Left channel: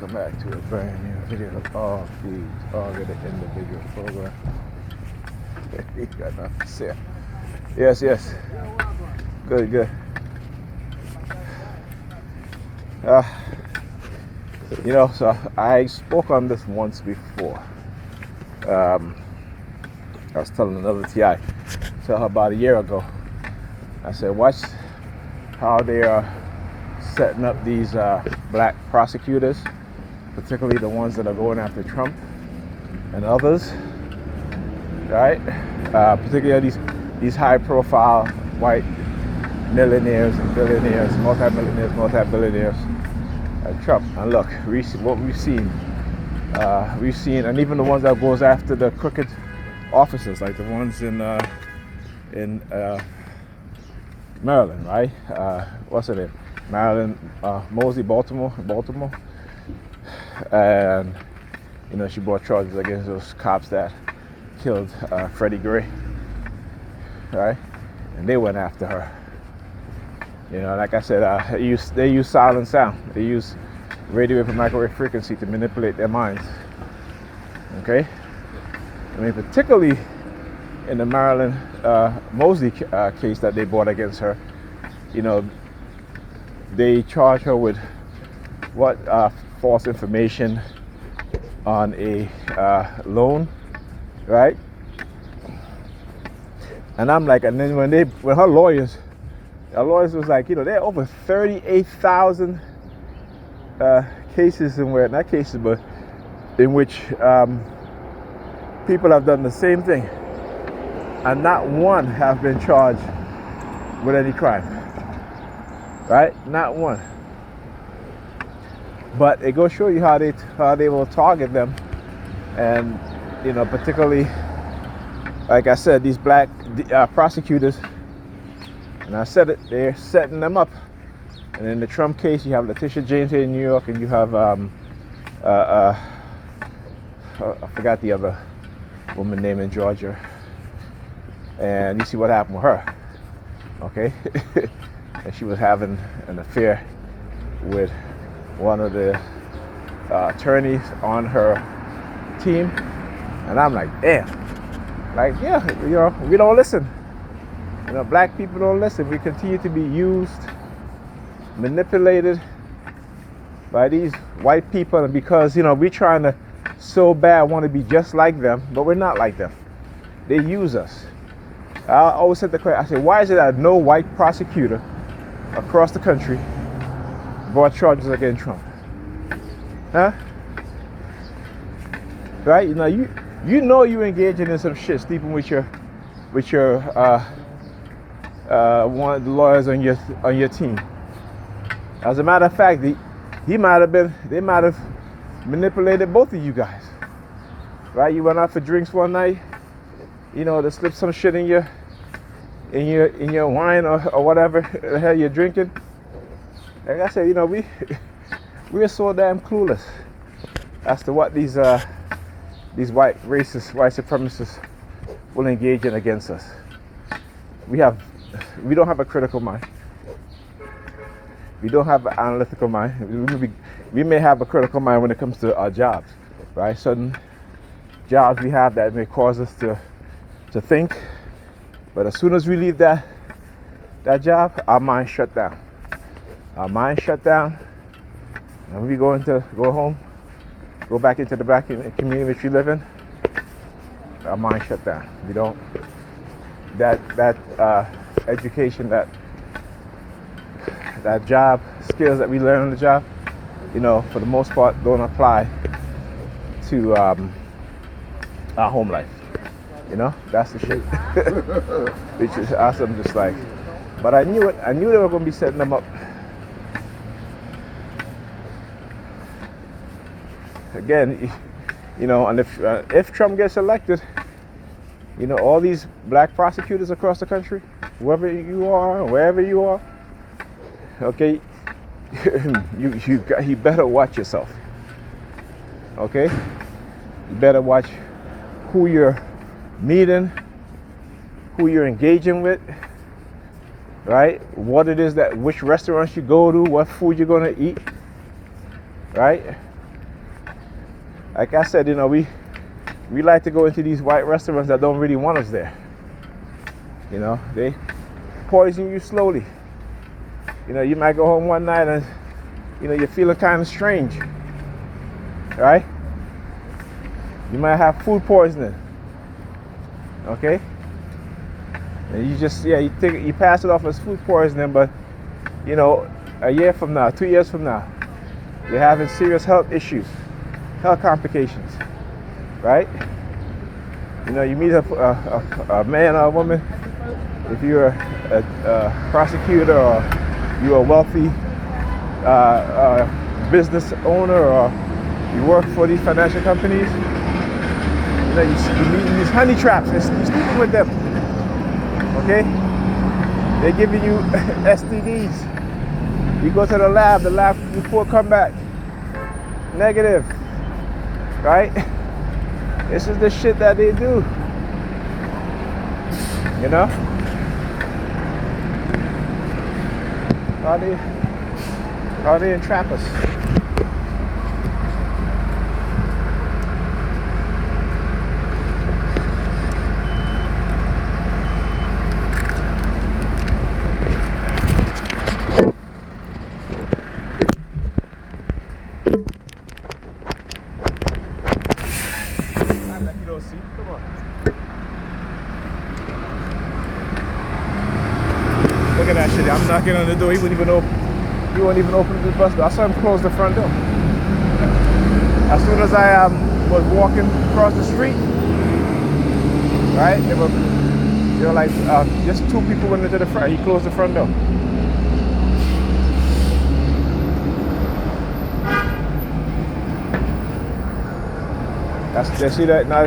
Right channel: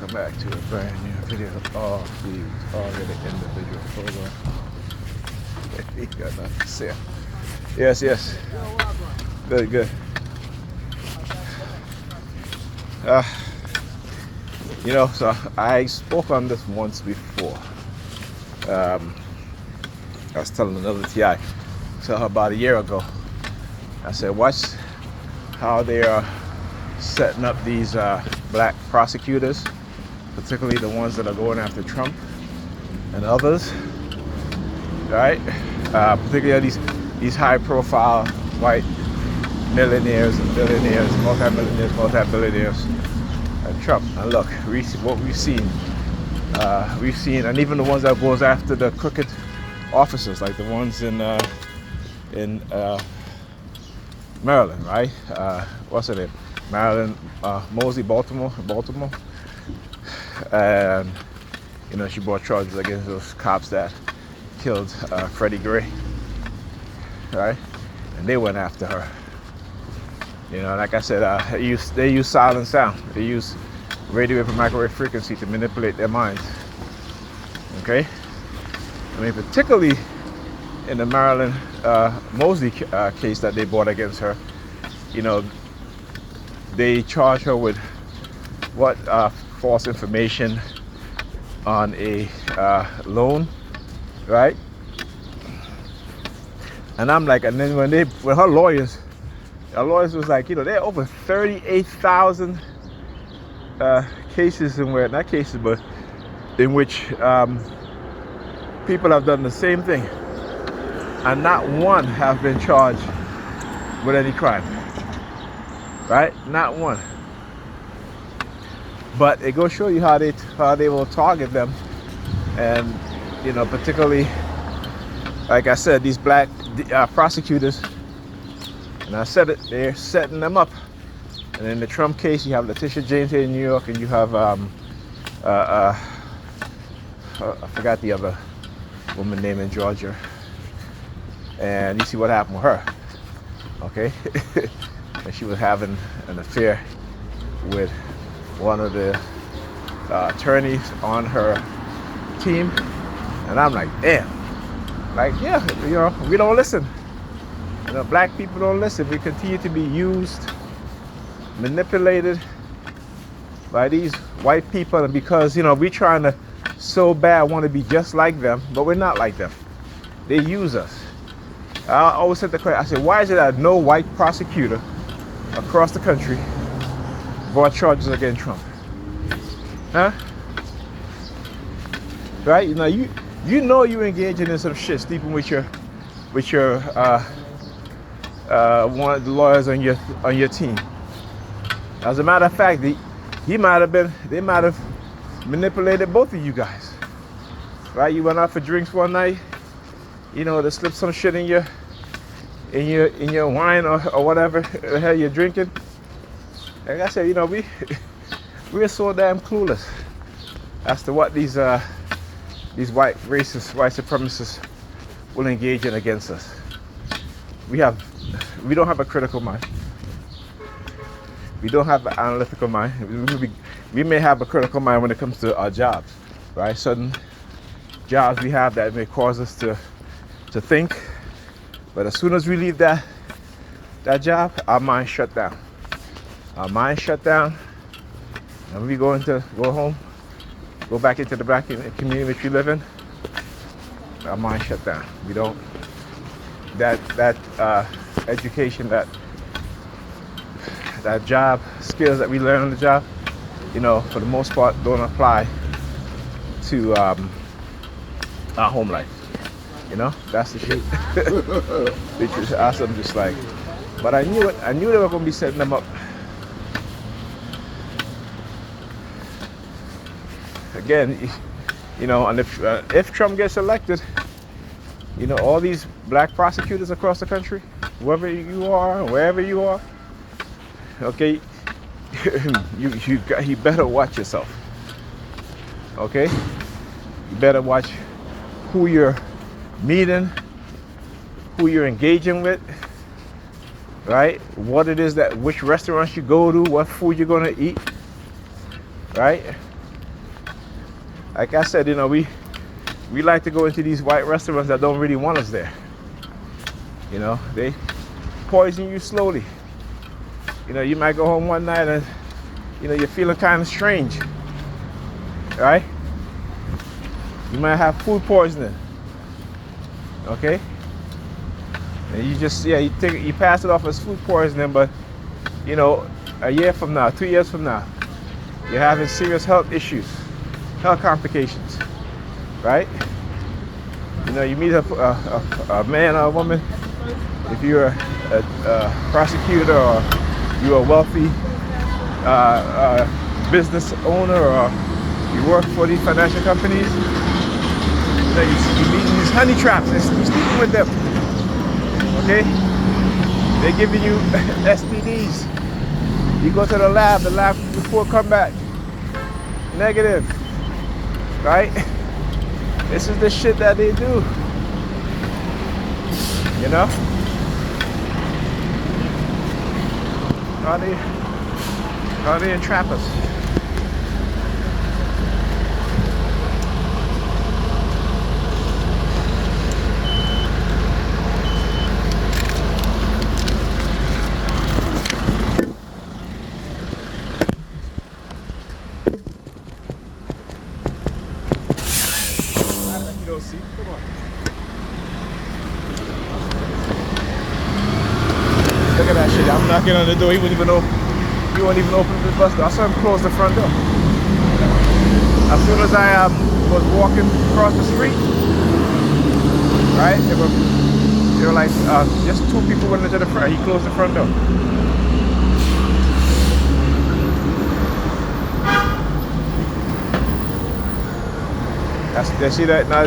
Come back to a brand new video of all these already individual photos. He got nothing to say. Yes, yes. Good, good. Uh, so I spoke on this once before. I was telling another TI, tell her about a year ago. I said, watch how they are setting up these black prosecutors, particularly the ones that are going after Trump and others, right? Particularly these high-profile white millionaires and billionaires, multi-billionaires, and Trump. And look, what we've seen, and even the ones that goes after the crooked officers, like the ones in Maryland, right? What's her name? Maryland Mosley, Baltimore. She brought charges against those cops that killed Freddie Gray, right? And they went after her. Like I said, they use silent sound. They use radio and microwave frequency to manipulate their minds. Okay? I mean, particularly in the Maryland Mosley case that they brought against her, they charge her with false information on a loan, right? And I'm like, and then when her lawyers was like, there are over 38,000 cases in which people have done the same thing, and not one have been charged with any crime, right? Not one. But it goes show you how they will target them, and particularly, like I said, these black prosecutors. And I said it, they're setting them up. And in the Trump case, you have Letitia James here in New York, and you have I forgot the other woman named in Georgia. And you see what happened with her, okay? And she was having an affair with one of the attorneys on her team. And I'm like, we don't listen. Black people don't listen. We continue to be used, manipulated by these white people, and because we're trying to so bad want to be just like them, but we're not like them. They use us. I always said the question. I said, why is it that no white prosecutor across the country brought charges against Trump? Huh? Right? You're engaging in some shit, sleeping with your one of the lawyers on your team. As a matter of fact, they might have manipulated both of you guys, right? You went out for drinks one night, to slip some shit in your wine or whatever the hell you're drinking. Like I said, we're so damn clueless as to what these white racist, white supremacists will engage in against us. We don't have a critical mind. We don't have an analytical mind. We may have a critical mind when it comes to our jobs, right? Certain jobs we have that may cause us to think, but as soon as we leave that job, our mind shut down. Our mind shut down, and we go home, go back into the black community which we live in. Our mind shut down. We don't. That education, that job skills that we learn on the job, for the most part, don't apply to our home life. That's the shit. Which is awesome, just like. But I knew it. I knew they were going to be setting them up. Again, and if Trump gets elected, all these black prosecutors across the country, whoever you are, wherever you are, okay, you better watch yourself. Okay, you better watch who you're meeting, who you're engaging with, right? Which restaurants you go to, what food you're gonna eat, right? like I said, we like to go into these white restaurants that don't really want us there. They poison you slowly. You might go home one night and you're feeling kind of strange, right? You might have food poisoning, okay? And you pass it off as food poisoning, but a year from now, 2 years from now, you're having serious health issues, health complications, right? You meet a man or a woman, if you're a prosecutor or you're a wealthy business owner or you work for these financial companies, you meet these honey traps and you're sleeping with them, okay? They're giving you STDs. You go to the lab report come back negative, right? This is the shit that they do, How they entrap us. Come on. Look at that shit. I'm knocking on the door. He won't even open the bus door. I saw him close the front door. As soon as I was walking across the street, right? There were like just two people went into the front. He closed the front door. They see that now.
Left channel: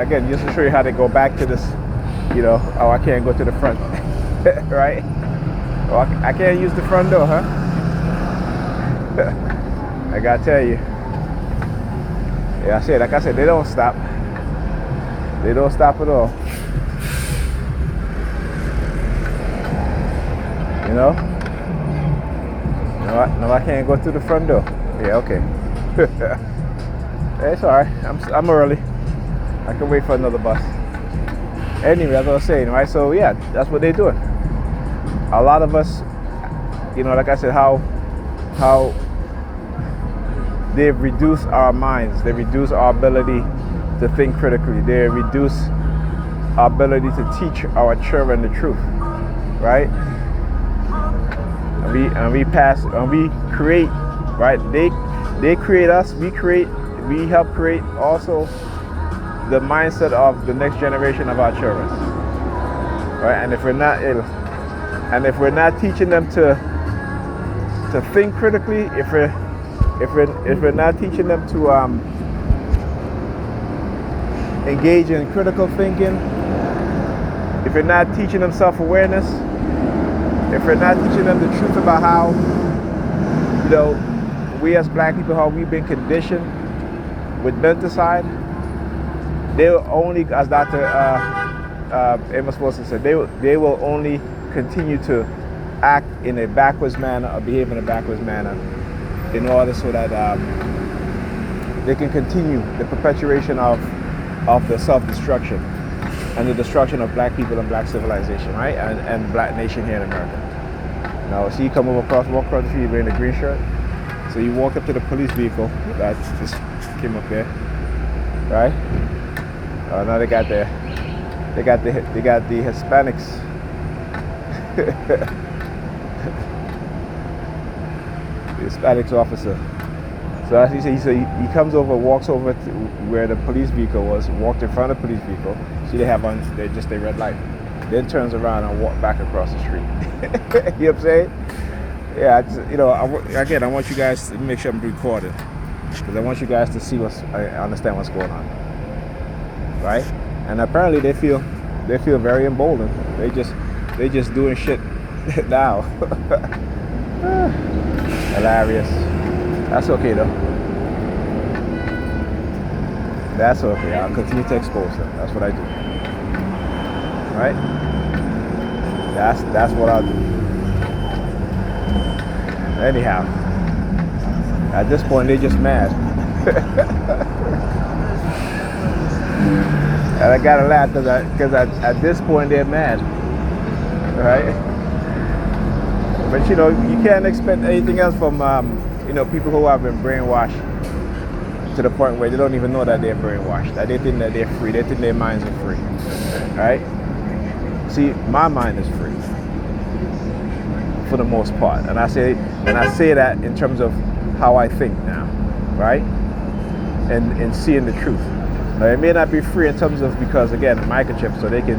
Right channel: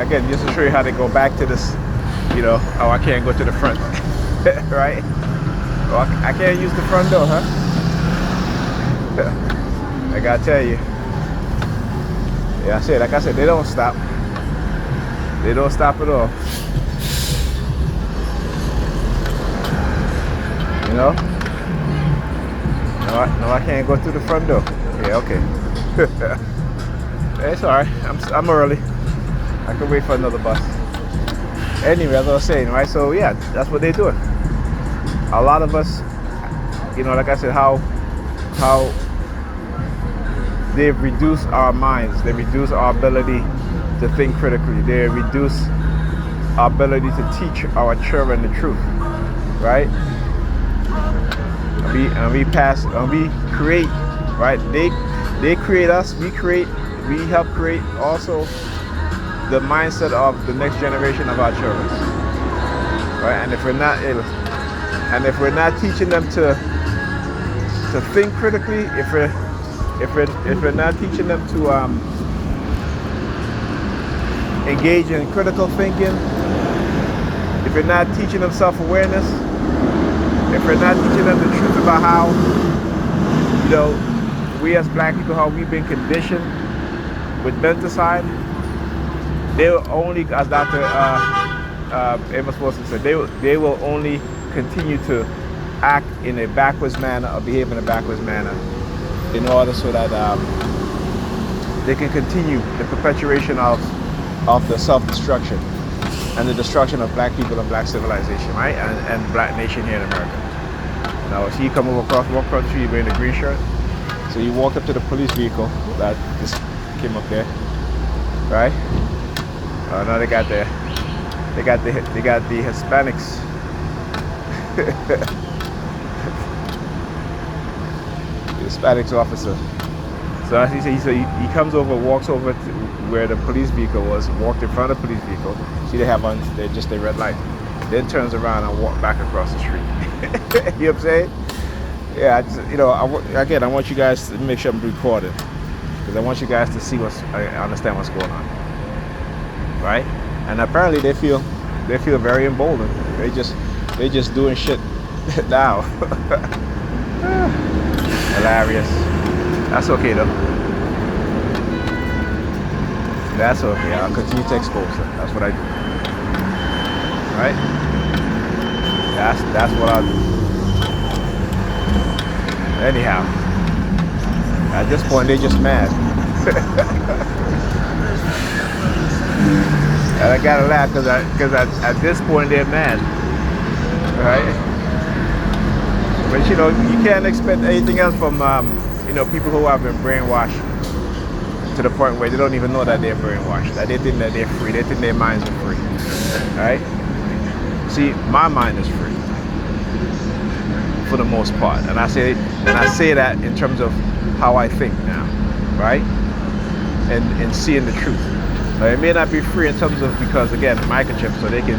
Again, just to show you how they go back to this. Oh, I can't go to the front, right? Oh, I can't use the front door, huh? I gotta tell you. Yeah, like I said, they don't stop. They don't stop at all. No, I can't go through the front door. Yeah, okay. It's alright. I'm early. I can wait for another bus. Anyway, as I was saying, right? So yeah, that's what they're doing. A lot of us, like I said, how they've reduced our minds. They reduce our ability to think critically. They reduce our ability to teach our children the truth, right? And we create, right? They create us. We help create also the mindset of the next generation of our children, right? And if we're not teaching them to think critically, if we're not teaching them to engage in critical thinking, if we're not teaching them self-awareness, if we're not teaching them the truth about how we as black people, how we've been conditioned with menticide, they will only, as Dr. Amos Wilson said, they will only continue to act in a backwards manner or behave in a backwards manner in order so that they can continue the perpetuation of the self-destruction and the destruction of black people and black civilization, right? And black nation here in America. Now, see, come walk across the street wearing a green shirt. So you walked up to the police vehicle that just came up there, right? Now they got the Hispanics. The Hispanics officer. So as he said, he comes over, walks over to where the police vehicle was, walked in front of the police vehicle. See, they have on just a red light. Then turns around and walk back across the street. You know what I'm saying? Yeah, again, I want you guys to make sure I'm recording, because I want you guys to see I understand what's going on, right? And apparently they feel very emboldened. They just doing shit now. Hilarious. That's okay though. That's okay. I'll continue to expose them. That's what I do. Right? That's what I do. Anyhow, at this point they're just mad. And I gotta laugh because at this point they're mad, right? But you can't expect anything else from people who have been brainwashed to the point where they don't even know that they're brainwashed. That they think that they're free. They think their minds are free, right? See, my mind is free for the most part, and I say that in terms of how I think now, right? And seeing the truth. Now, it may not be free in terms of, because again, microchips, so they can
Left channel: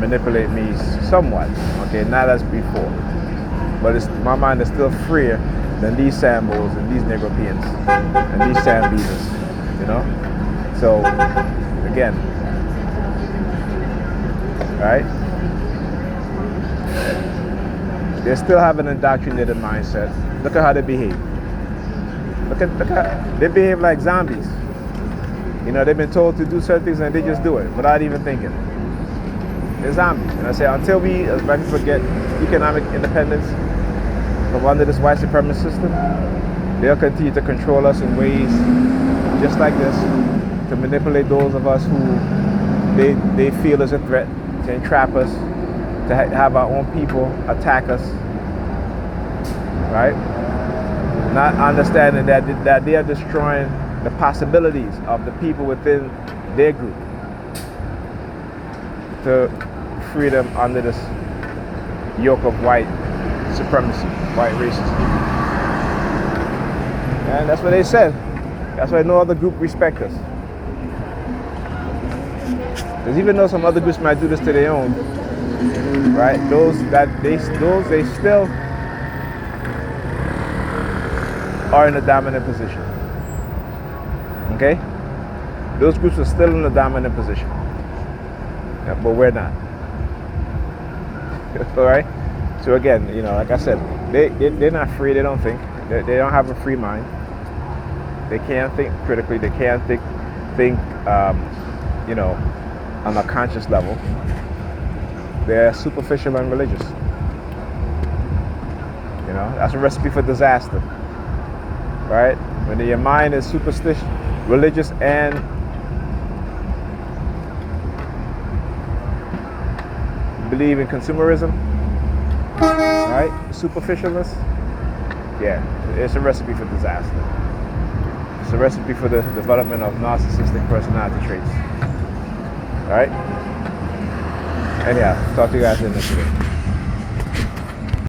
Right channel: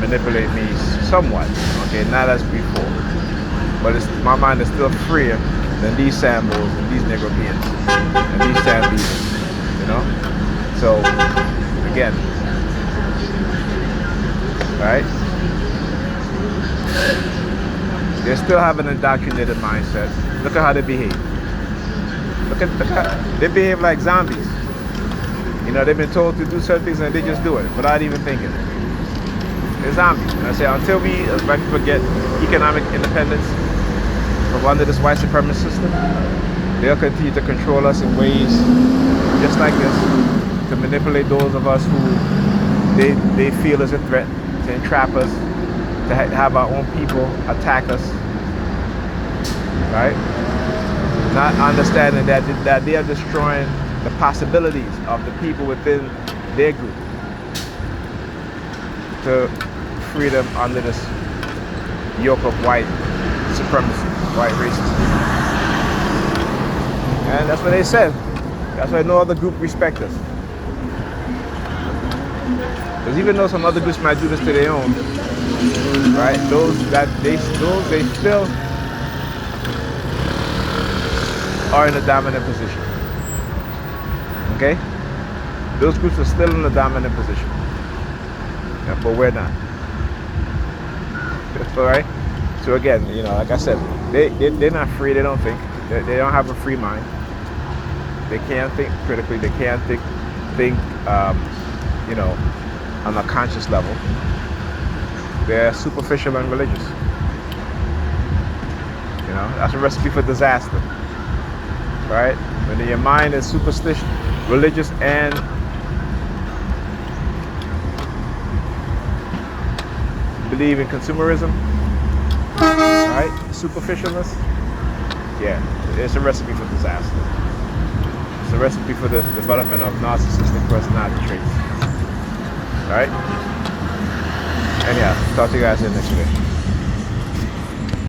manipulate me somewhat. Okay, not as before, but my mind is still freer than these sambos and these Negropeans and these Sambeavers, So again, right? They still have an indoctrinated mindset. Look at how they behave. Look how they behave like zombies. They've been told to do certain things and they just do it without even thinking. They're zombies. And I say, until we forget economic independence from under this white supremacist system, they'll continue to control us in ways just like this, to manipulate those of us who they feel is a threat, to entrap us, to have our own people attack us, right? Not understanding that they are destroying the possibilities of the people within their group to free them under this yoke of white supremacy, white racism. And that's what they said. That's why no other group respects us. Because even though some other groups might do this to their own, right? Those they still are in a dominant position. Okay? Those groups are still in a dominant position. Yeah, but we're not. Alright? So again, like I said, they're not free, they don't think. They don't have a free mind. They can't think critically, they can't think on a conscious level. They're superficial and religious. That's a recipe for disaster. Right? When your mind is superstitious, religious, and believe in consumerism, right? Superficialness, yeah, it's a recipe for disaster. It's a recipe for the development of narcissistic personality traits. All right? Anyhow, talk to you guys in the next video.